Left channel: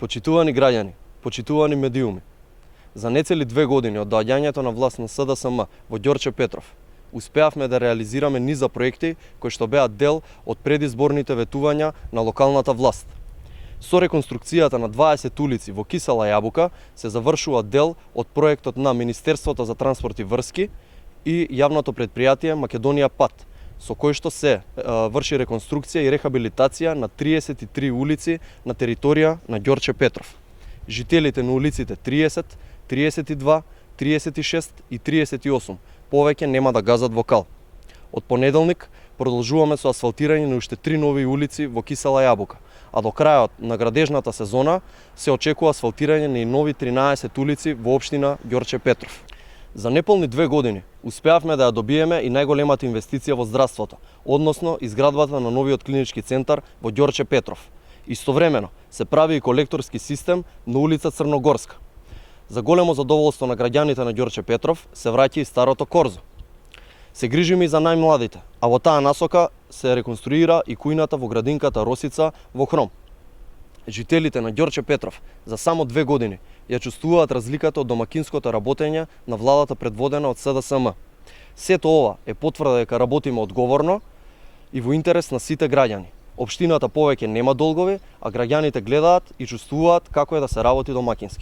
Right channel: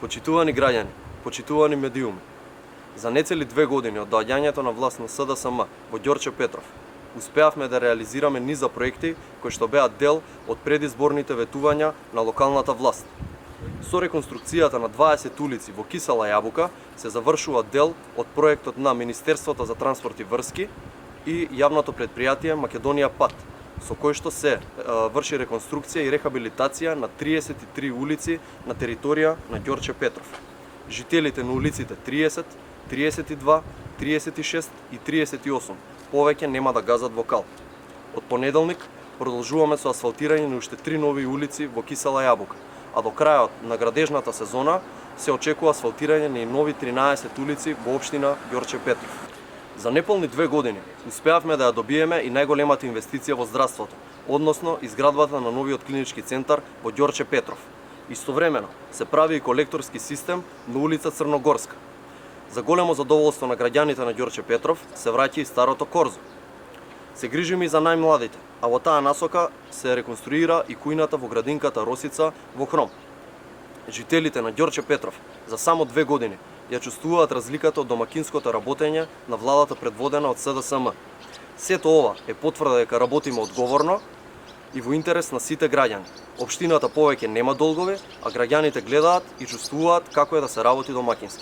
Почитувани граѓани, почитувани медиуми, за нецели 2 години од доаѓањето на власт на СДСМ во Ѓорче Петров, успеавме да реализираме низа проекти кои што беа дел од предизборните ветувања на локалната власт. Со реконструкцијата на 20 улици во Кисела Јабука се завршува дел од проектот на Министерството за транспорт и врски и јавното предпријатие Македонија Пат, со кој што се врши реконструкција и рехабилитација на 33 улици на територија на Ѓорче Петров. Жителите на улиците 30, 32, 36 и 38 повеќе нема да газат во кал. Од понеделник продолжуваме со асфалтирање на уште 3 нови улици во Кисела Јабука, а до крајот на градежната сезона се очекува асфалтирање на нови 13 улици во општина Ѓорче Петров. За неполни 2 години успеавме да ја добиеме и најголемата инвестиција во здравството, односно изградбата на новиот клинички центар во Ѓорче Петров. Истовремено се прави и колекторски систем на улица Црногорска. За големо задоволство на граѓаните на Ѓорче Петров се враќа и старото корзо. Се грижиме и за најмладите, а во таа насока се реконструира и кујната во градинката Росица во Хром. Жителите на Ѓорче Петров за само 2 години ја чувствуваат разликата од домакинското работење на владата предводена од СДСМ. Сето ова е потврда дека работиме одговорно и во интерес на сите граѓани. Општината повеќе нема долгови, а граѓаните гледаат и чувствуваат како е да се работи домакински.